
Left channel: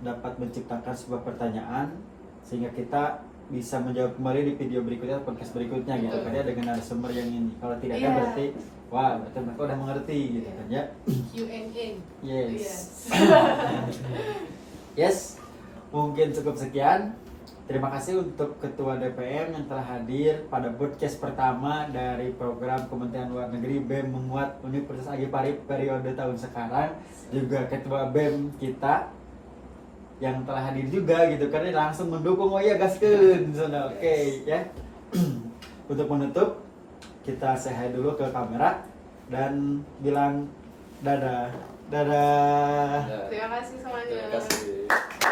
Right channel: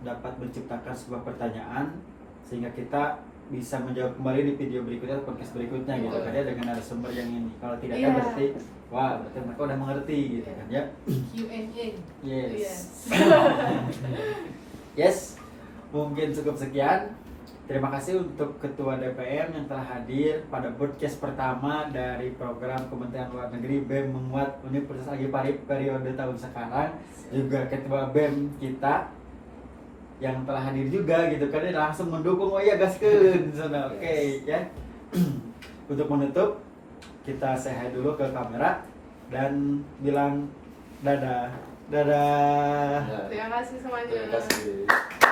dapat menciptakan sebuah pertanyaan sehingga kita bisa menjawab kembali di video berikutnya, podcast berikutnya gitu kan ya, dengan narasumber yang ini. Kalau tidak kan Iya. berarti berarti mereka udah mengerti gitu kan ya. Q&A. Yes. Yes. Mungkin cukup sekian. Terima kasih untuk Ketua DPM yang telah hadir pada podcast pertama dari program Kementerian Luar Negeri BEM Menguat Universitas Agi Parip periode tahun sekarang. Juga Ketua BEM kita yang telah hadir juga gitu kan, langsung mendukung, oh iya gaskeun. Oke ya. Untuk menutup, kita say hi dulu ke kamera dan bilang dadah. Terima kasih semuanya. Terima kasih.